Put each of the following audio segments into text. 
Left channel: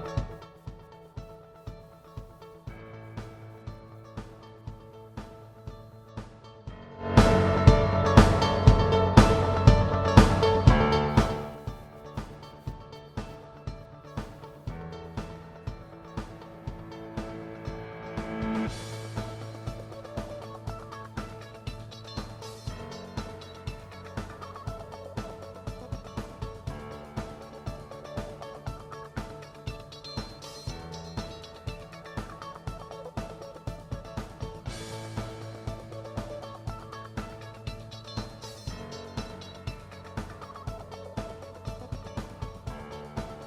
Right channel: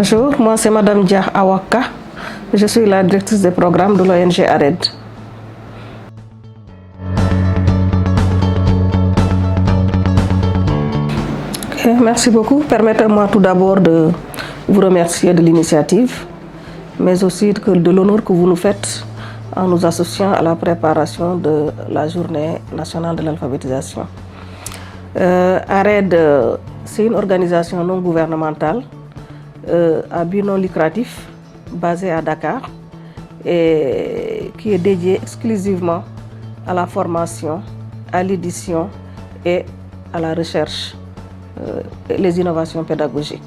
Bonjour, moi c'est Madame Dia Awaka. Je suis la directrice des programmes de l'ONG ARED. Merci beaucoup. Permettez-moi tout d'abord de vous remercier de l'initiative, mais aussi de l'honneur que vous nous faites en nous associant à la préparation de la journée nationale de l'alphabétisation. ARED, c'est une organisation non gouvernementale à but non lucratif basée à Dakar et qui est dédiée exclusivement à la formation, à l'édition et à la recherche et les innovations pédagogiques.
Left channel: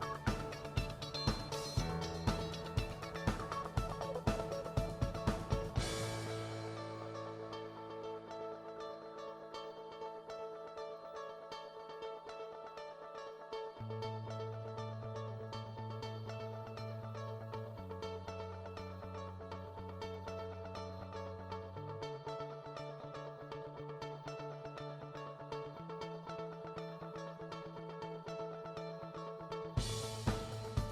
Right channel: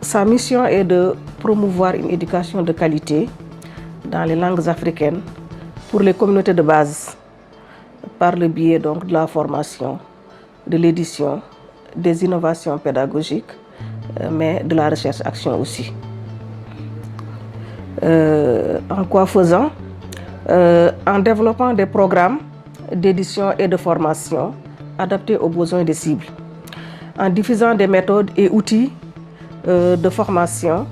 Sa mission est de promouvoir une éducation de qualité dans les langues africaines pour les communautés de base par le biais donc de la formation, de l'édition, des innovations pédagogiques, mais de la recherche-action aussi. En quoi faisant? En développant des programmes d'édition et de formation adaptés aux besoins des cibles, en diffusant des méthodes et outils de formation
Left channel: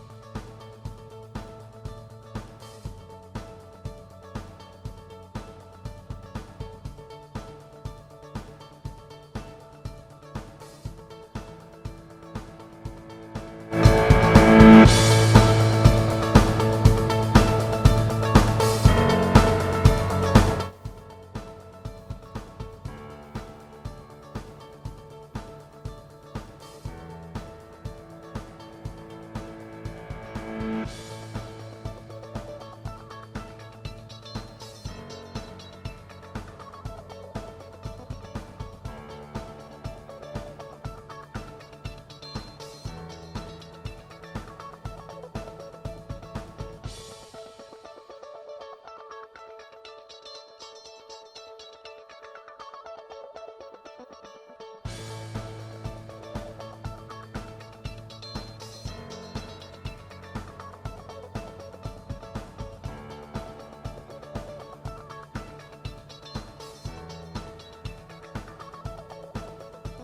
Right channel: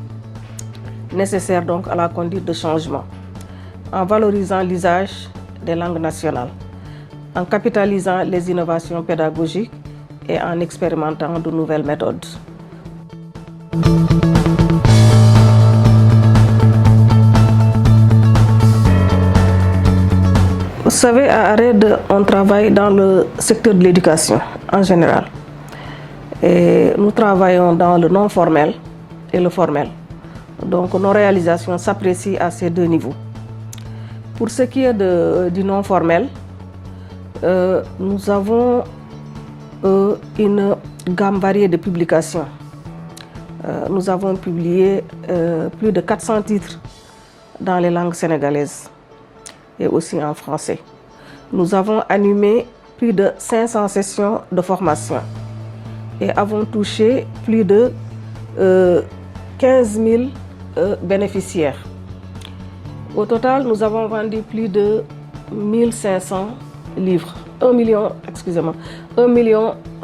nécessaires donc à la conduite de changement, en valorisant l'usage des langues nationales, en capitalisant les innovations pédagogiques et en expérimentant de nouvelles méthodes. Vous savez, à ARED, on travaille dans le secteur de l'éducation en général. Et nous travaillons dans le non formel et le formel. Donc nos réalisations s'apprécient à ces deux niveaux. Pour ce qui est du non formel, nous avons une gamme variée de publications. Nous avons publié plus de 400 titres dans les langues sénégalaises et aussi en français. Nous avons animé plus de 500 sessions de formation et avons touché plus de 15 000 bénéficiaires. Au total, nous avons vendu plus de 1500 livres, 1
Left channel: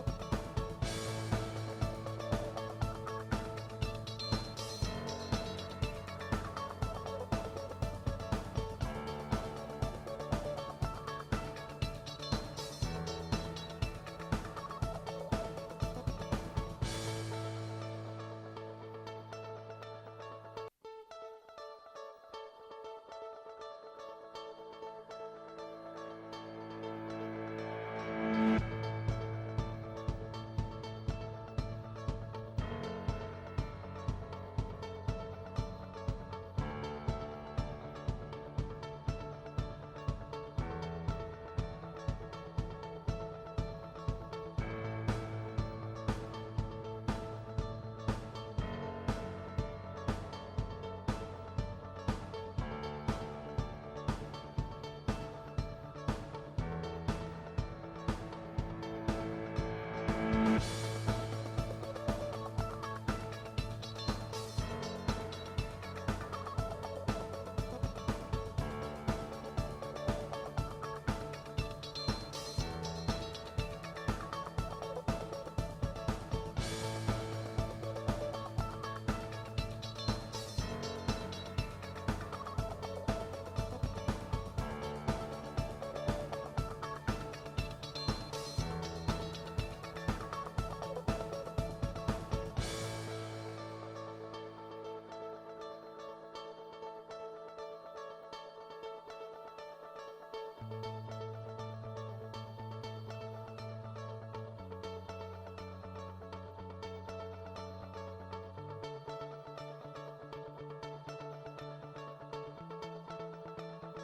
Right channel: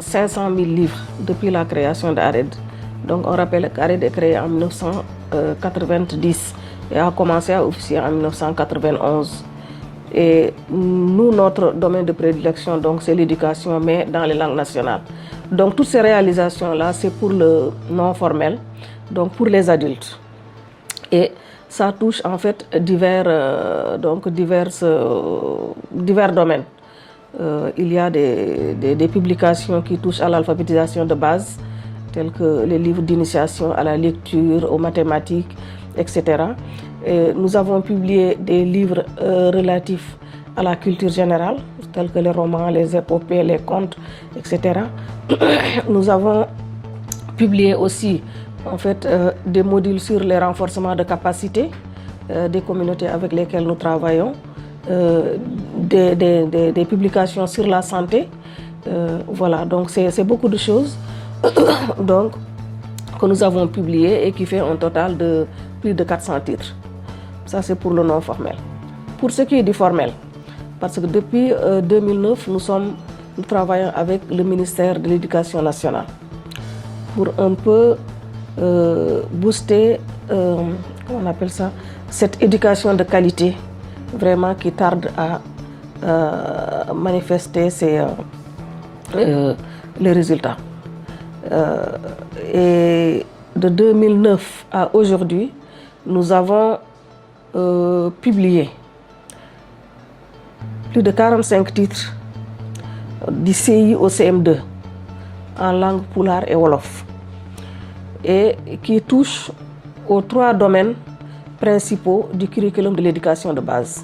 500 000 livres depuis la création d'ARED. Donc on rappelle qu'ARED est créé en 1990 et a commencé à officier en 1991. Et nous, notre domaine de prédilection, c'est l'éducation, mais dans les langues nationales. Donc toutes ces réalisations-là, c'est pour le non formel, donc pour les adultes. Et ça touche en fait divers domaines. Il y a des publications qui touchent à l'alphabétisation de base, tels que les livres d'initiation à la lecture, aux mathématiques, etc. Et nous avons publié des livres relatifs à la culture générale, tels que les romans, les épopées, les contes, etc. Nous avons publié aussi en fait, des modules sur les renforcements de capacité des communautés avec lesquelles nous travaillons, des publications sur la santé. Voilà, donc c'est beaucoup de choses donc, que nous avons publiées et qui fait un total de plus de 400 titres. Ça, c'est pour le non formel. Pour ce qui est du formel, parce que depuis 2009, nous travaillons avec le ministère de l'Éducation nationale pour un peu booster, on appelle ça, cette éducation de qualité, vraiment qui tarde à manifester les résultats. Et de 2009 à aujourd'hui, nous avons publié plus de 45 titres du CI au CM2 en langue pulaar et wolof, et qui touchent aux 3 domaines principaux du curriculum de l'éducation de base,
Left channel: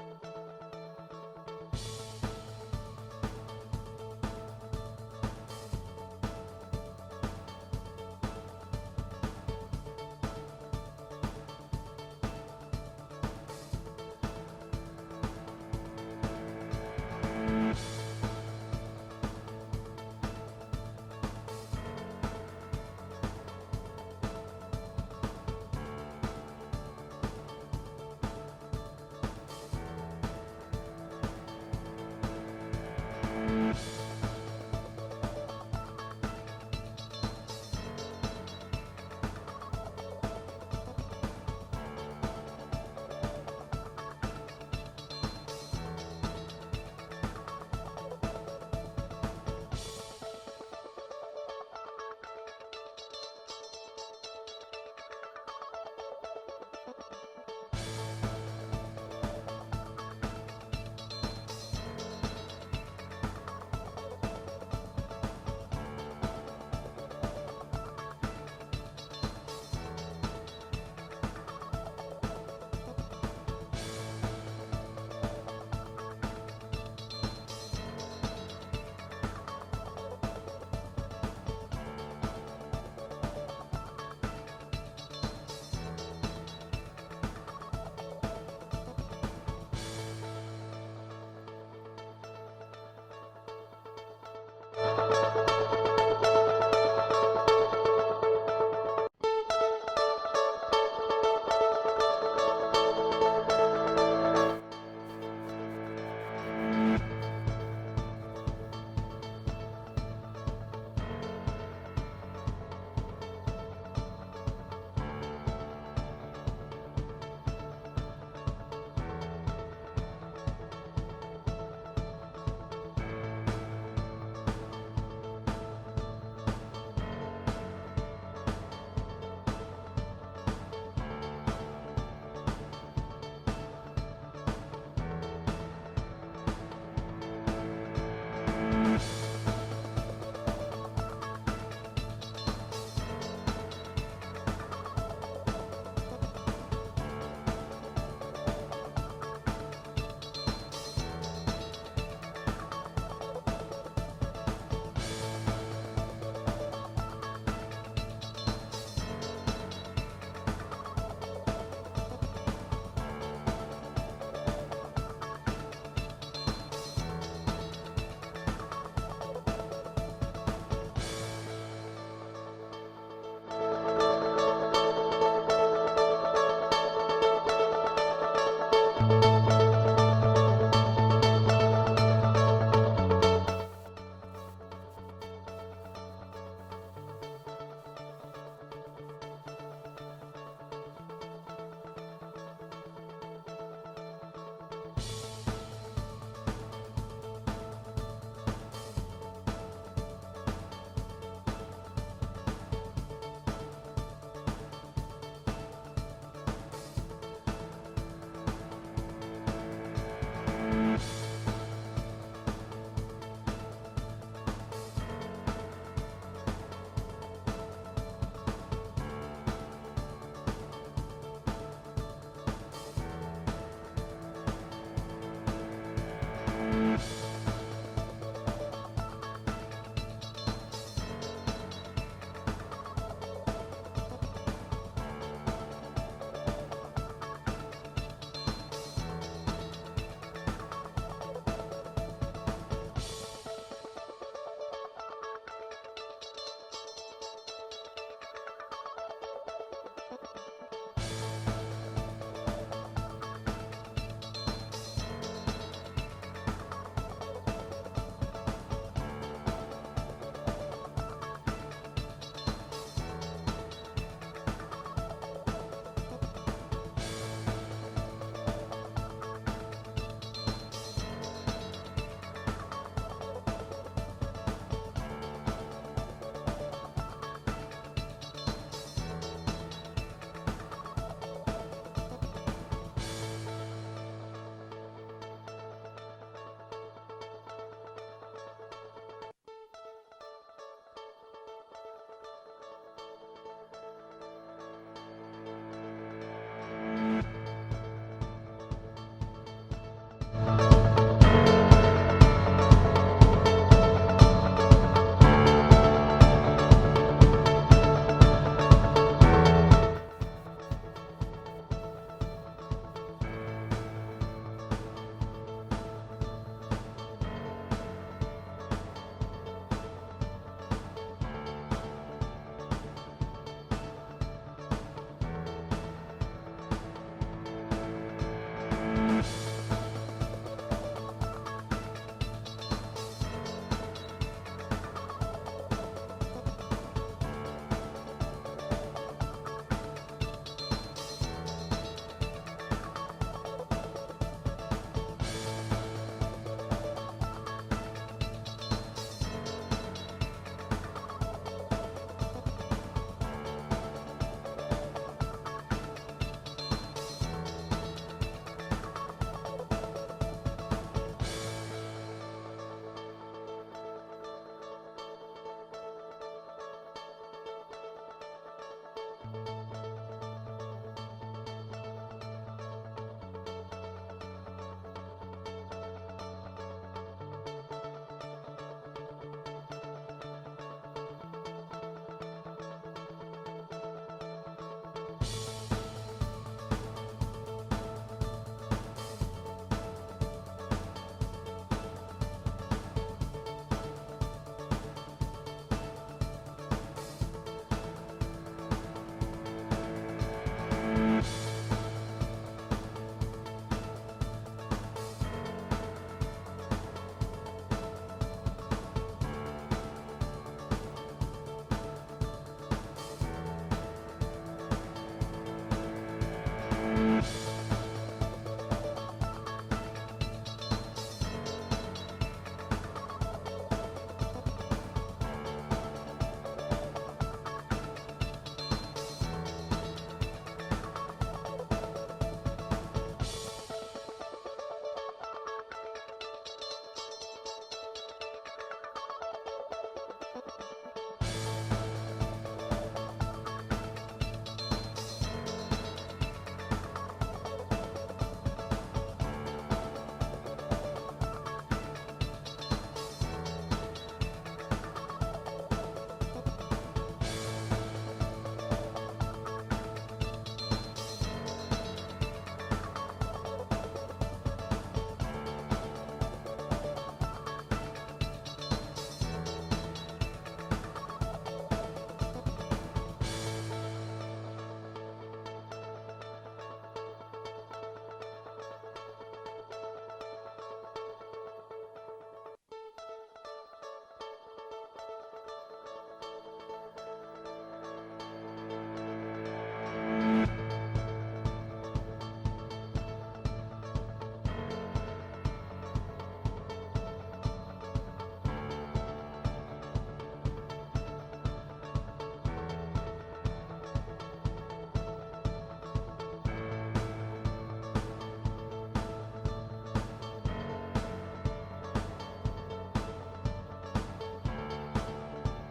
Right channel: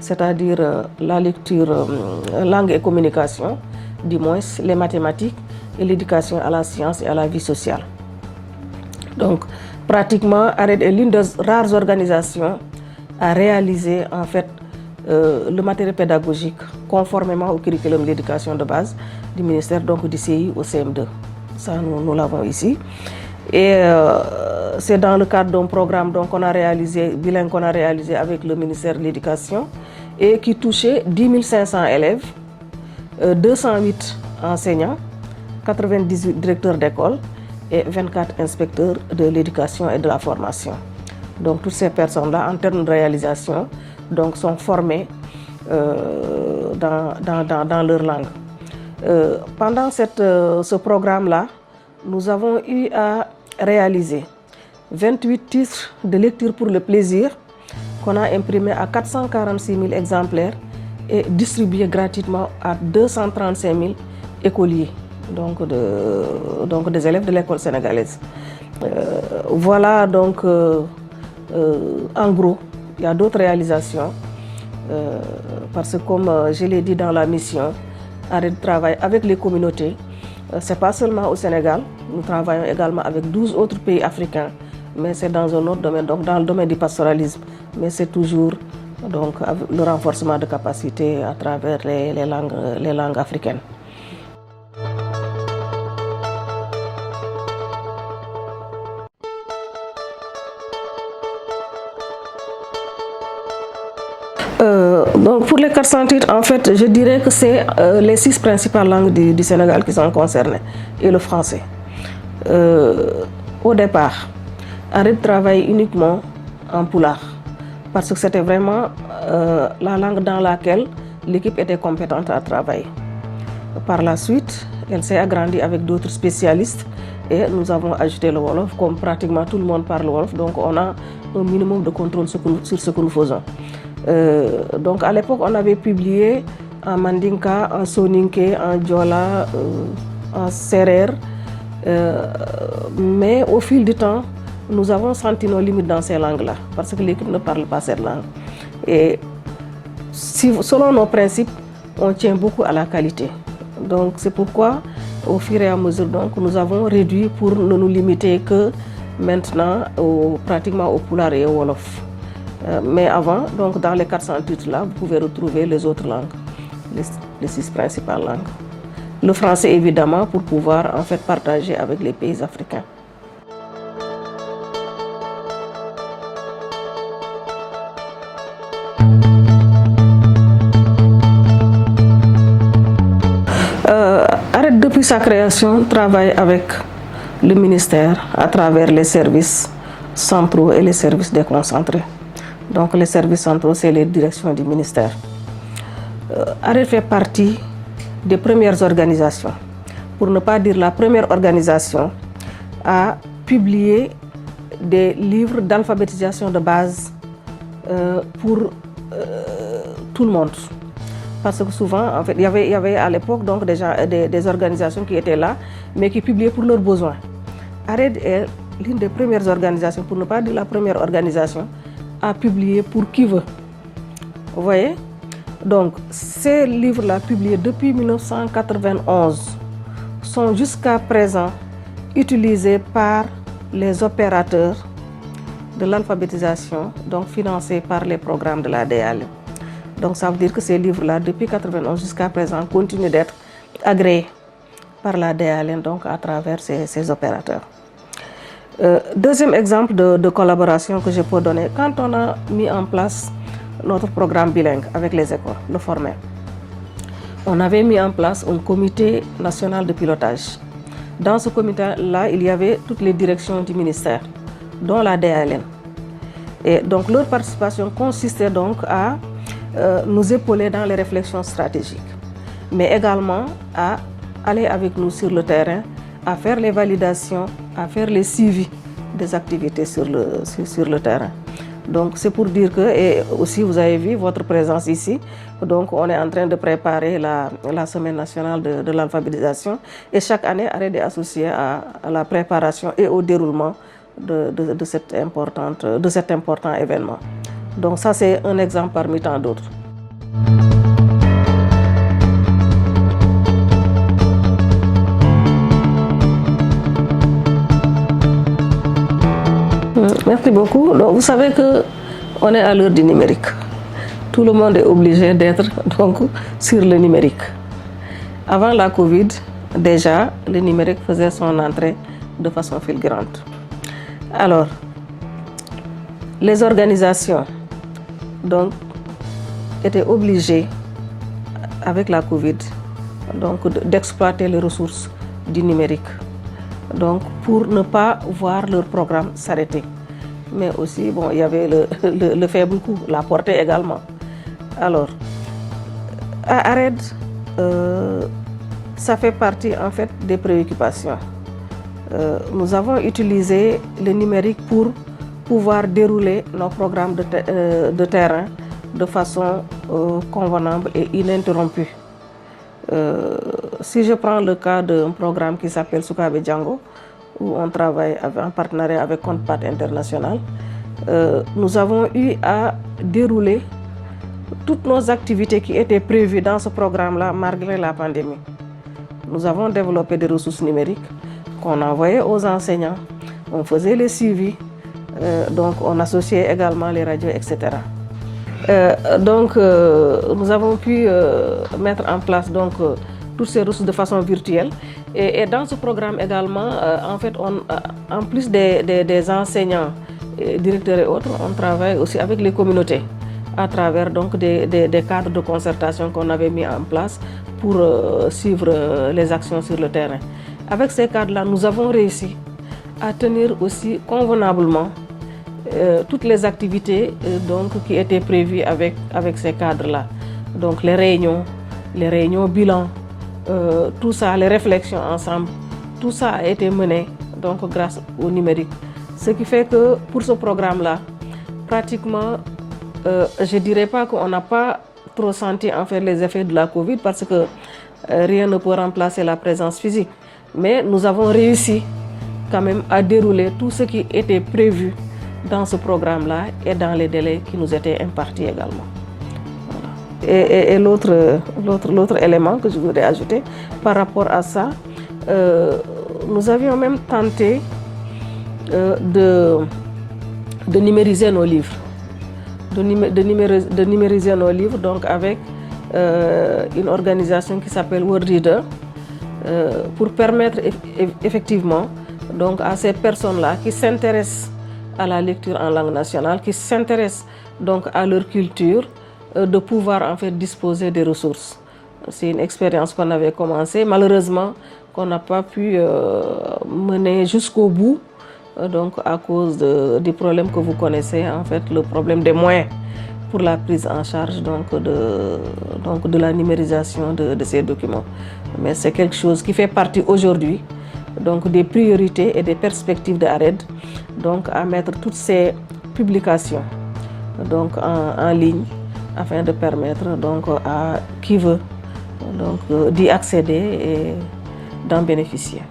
c'est-à-dire la lecture, langue et communication, du moins les mathématiques et l'éducation à la science et à la vie sociale. Donc, pratiquement, ARED est l'une des rares organisations à réaliser en fait le matériel pédagogique conformément au curriculum de l'éducation de base du ministère, donc du CI au CM2. Ça, nous l'avons ici. Et c'est dans le cadre d'un programme qu'on a réalisé, bilingue qu'on a réalisé avec le ministère de l'Éducation et qui touchait 10 500 élèves, 208 enseignants, 98 directeurs d'école et 24 inspecteurs de l'éducation et de la formation. Donc toutes ces personnes-là, en termes de réalisation, donc, sont formées dans leur langue. Pendant ce programme-là, nous avons eu à réaliser 28 titres de lecture pour le plaisir qu'on a imprimés à 446 000 exemplaires et distribués gratuitement à 235 000 écoliers, donc des élèves de l'école sénégalaise. Voilà donc en gros, il y a d'autres réalisations parce que comme je l'ai dit dans la mission, Arrêt de travail avec les communautés, ce n'est pas seulement au Sénégal, nous travaillons également avec 12 autres pays africains, mais c'est dans un autre domaine, donc dans le domaine du pastoralisme, mais c'est toujours donc, le renforcement de capacités à travers les langues africaines. Donc pour les 400 titres, en fait, je dirais que c'est les 6 principales langues du Sénégal qui sont concernées et le français. Au départ, Arrêt de travailler uniquement en pulaar parce que c'était vraiment la langue dans laquelle l'équipe était compétente à travailler. Par la suite, elle s'est agrandie avec d'autres spécialistes et nous avons ajouté le Wolof, comme pratiquement tout le monde parle Wolof, donc on a un minimum de contrôle sur ce que nous faisons. Donc à l'époque, on avait publié en Mandinka, en Soninké, en Diola, en Serer, mais au fil du temps, nous avons senti nos limites dans ces langues-là, parce que l'équipe ne parle pas cette langue. Et selon nos principes, on tient beaucoup à la qualité. Donc c'est pourquoi, au fur et à mesure, donc, nous avons réduit pour ne nous limiter que maintenant pratiquement au pulaar et au Wolof. Mais avant, donc dans les 400 titres-là, vous pouvez retrouver les autres langues, les 6 principales langues. Le français, évidemment, pour pouvoir en fait partager avec les pays africains. Arrêt, depuis sa création, travaille avec le ministère à travers les services centraux et les services déconcentrés. Donc les services centraux, c'est les directions du ministère. Arrêt fait partie des premières organisations, pour ne pas dire la première organisation, à publier des livres d'alphabétisation de base pour tout le monde. Parce que souvent, en fait, il y avait à l'époque donc déjà des organisations qui étaient là, mais qui publiaient pour leurs besoins. Arrêt est l'une des premières organisations, pour ne pas dire la première organisation, à publier pour qui veut. Vous voyez? Donc, ces livres-là, publiés depuis 1991, sont jusqu'à présent utilisés par les opérateurs de l'alphabétisation, donc financés par les programmes de la DAL. Donc, ça veut dire que ces livres-là, depuis 1991 jusqu'à présent, continuent d'être agréés par la DAL, donc à travers ces opérateurs. Deuxième exemple de collaboration que je peux donner, quand on a mis en place notre programme bilingue avec les écoles de former, on avait mis en place un comité national de pilotage. Dans ce comité-là, il y avait toutes les directions du ministère, dont la DALN. Et donc leur participation consistait donc à nous épauler dans les réflexions stratégiques, mais également à aller avec nous sur le terrain, à faire les validations, à faire les suivis des activités sur le terrain. Donc c'est pour dire que, et aussi vous avez vu votre présence ici, donc on est en train de préparer la semaine nationale de l'alphabétisation et chaque année Arrêt est associé à la préparation et au déroulement de cet important événement. Donc ça c'est un exemple parmi tant d'autres. Merci beaucoup. Donc, vous savez qu'on est à l'heure du numérique. Tout le monde est obligé d'être donc sur le numérique. Avant la Covid, déjà, le numérique faisait son entrée de façon fulgurante. Alors, les organisations donc, étaient obligées, avec la Covid, donc d'exploiter les ressources du numérique donc pour ne pas voir leur programme s'arrêter. Mais aussi, bon, il y avait le faible coût, la portée également. Alors, à ARED, ça fait partie en fait des préoccupations. Nous avons utilisé le numérique pour pouvoir dérouler nos programmes de terrain de façon convenable et ininterrompue. Si je prends le cas d'un programme qui s'appelle Soukabe Django, où on travaille en partenariat avec Compte-Pat International, nous avons eu à dérouler toutes nos activités qui étaient prévues dans ce programme-là malgré la pandémie. Nous avons développé des ressources numériques qu'on envoyait aux enseignants, on faisait les suivis, donc on associait également les radios, etc. Nous avons pu mettre en place toutes ces ressources de façon virtuelle. Et dans ce programme également, en fait, en plus des enseignants, directeurs et autres, on travaille aussi avec les communautés à travers des cadres de concertation qu'on avait mis en place pour suivre les actions sur le terrain. Avec ces cadres-là, nous avons réussi à tenir aussi convenablement toutes les activités qui étaient prévues avec ces cadres-là. Donc les réunions bilan, tout ça, les réflexions ensemble, tout ça a été mené grâce au numérique. Ce qui fait que pour ce programme-là, pratiquement, je ne dirais pas qu'on n'a pas trop senti en fait les effets de la Covid parce que rien ne peut remplacer la présence physique. Mais nous avons réussi quand même à dérouler tout ce qui était prévu dans ce programme-là et dans les délais qui nous étaient impartis également. Et l'autre élément que je voudrais ajouter par rapport à ça, nous avions même tenté de numériser nos livres. De numériser nos livres donc avec une organisation qui s'appelle World Reader pour permettre effectivement donc à ces personnes-là qui s'intéressent à la lecture en langue nationale, qui s'intéressent donc à leur culture, de pouvoir en fait disposer des ressources. C'est une expérience qu'on avait commencée, malheureusement qu'on n'a pas pu mener jusqu'au bout, donc à cause du problème que vous connaissez, en fait, le problème des moyens pour la prise en charge de la numérisation de ces documents. Mais c'est quelque chose qui fait partie aujourd'hui des priorités et des perspectives de ARED, à mettre toutes ces publications en ligne afin de permettre à qui veut d'y accéder et d'en bénéficier.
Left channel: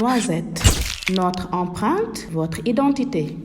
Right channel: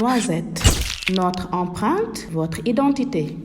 Noisette, notre empreinte, votre identité.